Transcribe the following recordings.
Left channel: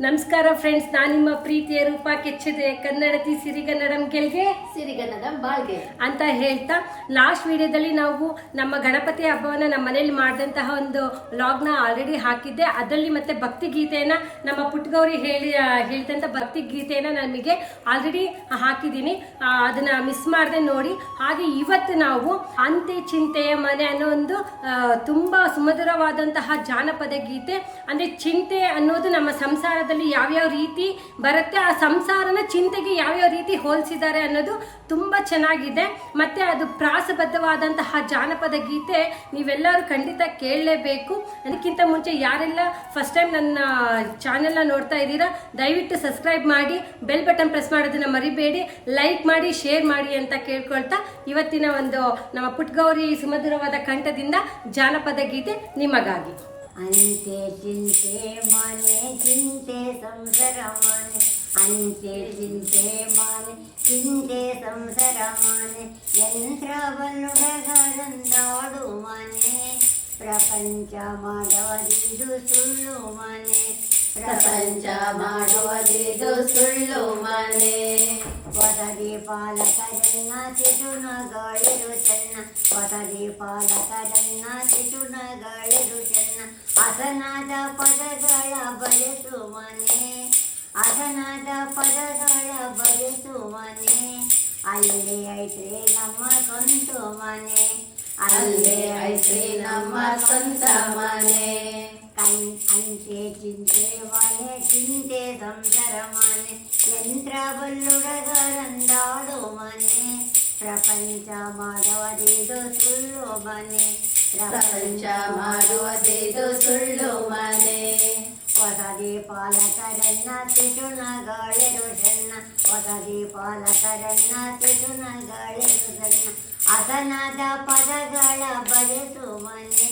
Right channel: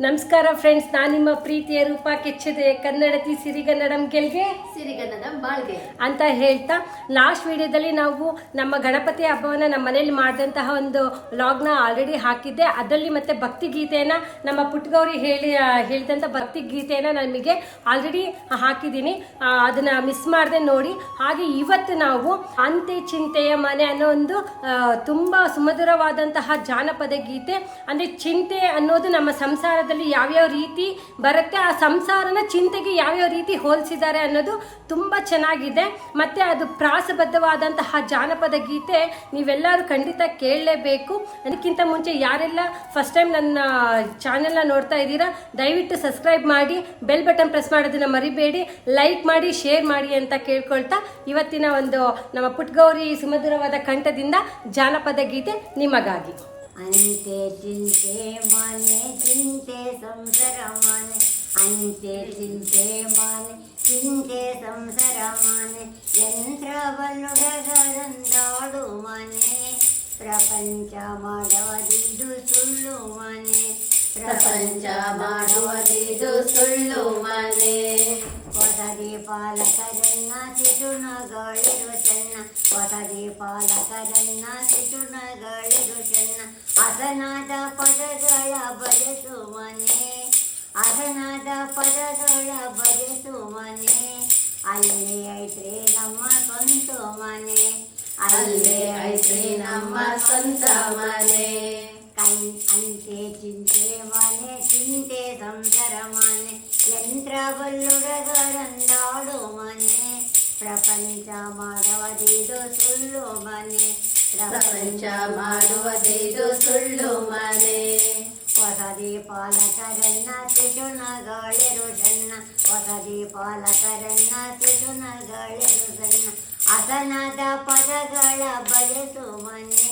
ನಮಸ್ಕಾರ ಫ್ರೆಂಡ್ಸ್ ನಾನು ನಿಮ್ಮ ಪ್ರೀತಿಯ ರೂಪ ಕೆಚ್ಚದೆ ಕನ್ನಡತಿ ಸಿರಿಗನ್ನಡಂ ಗೆಲ್ಗೆ. ಸಿರಿಗನ್ನಡಂ ಬಾಳ್ಗೆ. ಅಂತ ಹೇಳ್ತಾ ಲಾಸ್ಟ್ ವಿಡಿಯೋದಲ್ಲಿ ನಾವು ನಮ್ಮ ಗಣಪತಿ ಹಬ್ಬವನ್ನು ನಮ್ಮ ಮನೇಲಿ ಮಾಡಿದಂತಹ ಒಂದು ಲಾಗ್ನ ಆಲ್ರೆಡಿ ಹಾಕಿದ್ದೆ. ಅದರಲ್ಲಿ ಮತ್ತೆ ಭಕ್ತಿ ಗೀತೆಯನ್ನ ನಮ್ಮ ಪುಟ್ಟಗೌರಿ ಹೇಳಿ ಹೇಳಿದಂಥ ಭಕ್ತಿ ಗೀತೆಯನ್ನ ನಮಗೆ ಆಲ್ರೆಡಿ ಹಾಕಿದ್ದೀನಿ. ಅದನ್ನ ಮಿಸ್ ಮಾಡದೆ ನೋಡಿ. ಹಾಗೆ ಇವತ್ತು ನಾವು ಅಂತೆ ಚಿಂತೆಯ ಮನೆ ಅನ್ನೋ ಒಂದು ತುಂಬ ಸುಮಧುರವಾದಂತಹ ಜಾನಪದ ಗೀತೆ. ಅಂದ್ರೆ ಚಿಂತೆ ಅನ್ನೋದು ನಮ್ಮ ಸಂಸಾರದಲ್ಲಿ ಯಾವ್ಯಾವ ರೀತಿ ಬರುತ್ತೆ, ಆ ಸಂಸಾರನ ಚಿಂತೆಗೆ ಯಾವ್ಯಾವ ರೀತಿ ಹೋಲಿಸಿದ್ದಾರೆ ಅನ್ನೋದು ತುಂಬ ಚೆನ್ನಾಗಿದೆ. ಮತ್ತು ಅದು ಪ್ರಾಸಬದ್ಧವಾದಂತಹ ಜಾನಪದ ಗೀತೆ ನೀವೆಲ್ಲರೂ ಖಂಡಿತ ಕೇಳಲೇಬೇಕು. ಅದಕ್ಕಿಂತ ಮುಂಚೆ ಯಾರೆಲ್ಲ ಫಸ್ಟ್ ಟೈಮ್ ನನ್ನ ಚಾನೆಲ್ನ ನೋಡ್ತಾ ಇದ್ದೀರಾ, ದಯವಿಟ್ಟು ಸಬ್ಸ್ಕ್ರೈಬ್ ಮಾಡಿ ಬೆಲ್ ಬಟನ್ ಪ್ರೆಸ್ ಮಾಡೋದನ್ನ ಮರಿಬೇಡಿ ಲೈಕ್ ಮಾಡಿ ಶೇರ್ ಮಾಡಿ ಅಂತ ಕೇಳ್ಕೊಳ್ತಾ ಇವತ್ತಿನ ಒಂದು ನಮ್ಮ ಪುಟ್ಗೌರಿ ಸುಮಧುರವಾದ ಕಂಠದಿಂದ ಜಾನಪದ ಗೀತೆ ನಿಮಗಾಗಿ. అంతే చింతే మానే చింతే సంసరమాని. అంతే చింతే మానే చింతే సంసరమాని. యంత్ర యంత్రబలుడగరందాడు మనే. ప్రపంచ మాధవదిందు సుళ్ళు మనే. ಪ್ರಪಂಚ ಮಾಡುವುದಿದು ಸುಳ್ಳು ಮನೆ ಪ್ರಪಂಚ ಮಾಡುವುದಿದು ಸುಳ್ಳು ಮನೆ ವಸತಿ ಪಾಲಕರನ್ನ ಶಿಶುನಗಳಿರು ಚೆನ್ನ ವಸತಿ ಪಾಲಕರನ್ನ ಶಿಶುನಗಳಿರು ಚೆನ್ನ ಅಸನಾದ ಪದಗಳ ಬಯಸು ಮನೆ ಅಸನಾದ ಪದಗಳ ಬಯಸು ಮನೆ ಅಲ್ಲಿ ಐತ್ರಿ ನಮ್ಮ ಸ್ವಂತ ಮನೆ ಅಲ್ಲಿ ಐತ್ರಿ ನಮ್ಮ ಸ್ವಂತ ಮನೆ ಚಿಂತೆ ಸಂಸಾರ ಮನೆ ಯಂತ್ರ ಬಲ್ಲುಡಗರಂದಾಡು ಮನೆ ಪ್ರಪಂಚ ಮಾಡುವುದಿದು ಸುಳ್ಳು ಮನೆ ಪ್ರಪಂಚ ಮಾಡುವುದಿದು ಸುಳ್ಳು ಮನೆ ವಸತಿ ಪಾಲಕರನ್ನ ಶಿಶುನಗಳಿರು ಸಣ್ಣ ವಸತಿ ಪಾಲಕರನ್ನ ಶಿಶುನಗಳಿರು ಸಣ್ಣ ಅಸನಾದ ಪದಗಳ ಬಯಸು ಮನೆ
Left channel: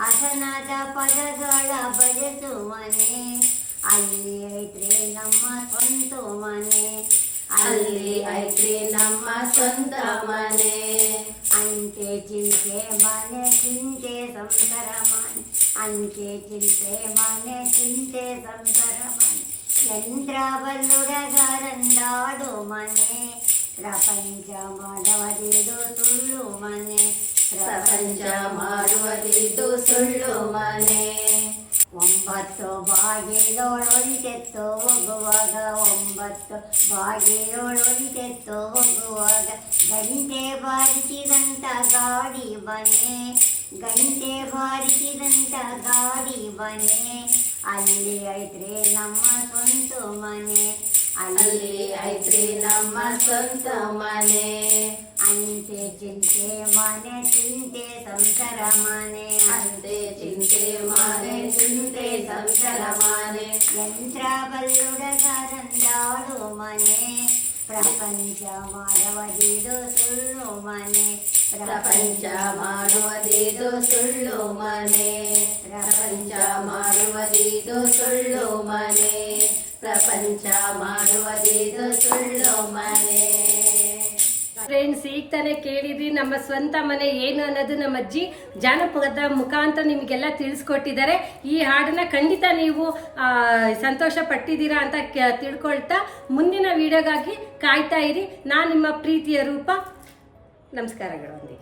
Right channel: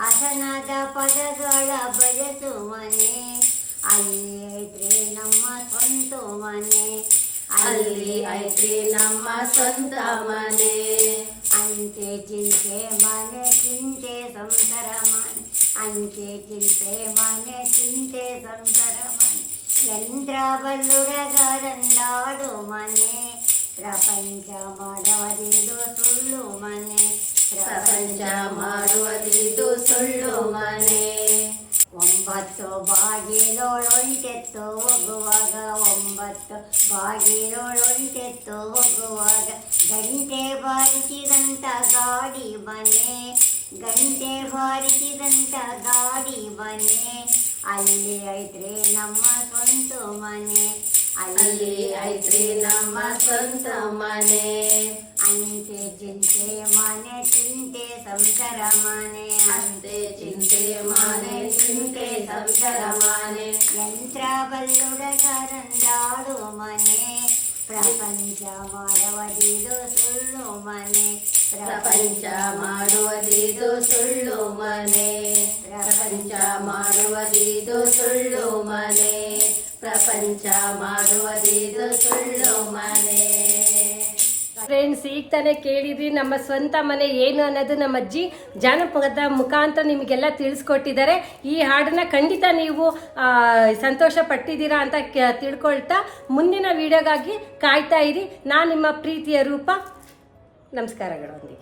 ಅಸನಾದ ಪದಗಳ ಬಯಸು ಮನೆ ಅಲ್ಲಿ ಐತ್ರಿ ನಮ್ಮ ಸ್ವಂತ ಮನೆ ಅಲ್ಲಿ ಐತ್ರಿ ನಮ್ಮ ಸ್ವಂತ ಮನೆ ಅಂತೆ ಚಿಂತೆ ಮನೆ ಚಿಂತೆ ಸಂಸಾರ ಮನೆ ಅಂತೆ ಚಿಂತೆ ಮನೆ ಚಿಂತೆ ಸಂಸಾರ ಮನೆ ಯಂತ್ರ ಬಲ್ಲುಡಗರಂದಾಡು ಮನೆ ಪ್ರಪಂಚ ಮಾಡುವುದಿದು ಸುಳ್ಳು ಮನೆ ಪ್ರಪಂಚ ಮಾಡುವುದಿದು ಸುಳ್ಳು ಮನೆ ಒಂಬತ್ತು, ಬಾಗಿಲೊಳೊಂಟೆತ್ತು, ಹೋಗುವಾಗ ಒಂಬತ್ತು, ಬಾಗಿಲೊಳೊಂಟೆತ್ತು, ಹೋಗುವಾಗ ಗಂಟೆ ಬಾರಿಸಿದಂಥ ಗಾಡಿ ಬನೆ ಗಂಟೆ ಬಾರಿಸಿದಂಥ ಗಾಡಿ ಬನೆ ಅಲ್ಲಿ ಐತ್ರಿ ನಮ್ಮ ಸ್ವಂತ ಮನೆ, ಅಲ್ಲಿ ಐತ್ರಿ ನಮ್ಮ ಸ್ವಂತ ಮನೆ. ಅಂತೆ ಚಿಂತೆ ಮನೆ ಚಿಂತೆ ಸಂಸಾರ ಮನೆ ಅಂತೆ ಚಿಂತೆ ಮನೆ ಚಿಂತೆ ಸಂಸಾರ ಮನೆ ಯಂತ್ರ ಬಲ್ಲುಡಗರಂದಾಡು ಮನೆ ಪ್ರಪಂಚ ಮಾಡುವುದಿದು ಸುಳ್ಳು ಮನೆ ಪ್ರಪಂಚ ಮಾಡುವುದಿದು ಸುಳ್ಳು ಮನೆ ಪ್ರಪಂಚ ಮಾಡುವುದಿದು ಸುಳ್ಳು ಮನೆ ಪ್ರಪಂಚ ಮಾಡುವುದಿದು ಫ್ರೆಂಡ್ಸ್ ಈಗ ತಾನೇ ಕೇಳಿದ್ವಿ ನಮ್ಮ ಸ್ವಂತ ಮನೆ ಏನು ಅನ್ನೋದು ನಮ್ಮ ಅಜ್ಜಿ ಜಾನಪದ ಮುಖಾಂತರ ನಿಮಗೆಲ್ಲ ತಿಳಿಸ್ಕೊಟ್ಟಿದ್ದಾರೆ. ಈ ಹಾಡನ್ನ ಖಂಡಿತ ನೀವು ಸಂತೋಷ ಪಟ್ಟಿದ್ದೀರಾ ಅಂತ ತಿಳ್ಕೊಳ್ತಾ ಮುಂದಿನ ವಿಡಿಯೋಗಾಗಿ ಕಾಯ್ತಾ ಇರಿ. ನಾನು ನಿಮ್ಮ ಪ್ರೀತಿಯ ರೂಪ. ನಮಸ್ಕಾರಗಳೊಂದಿಗೆ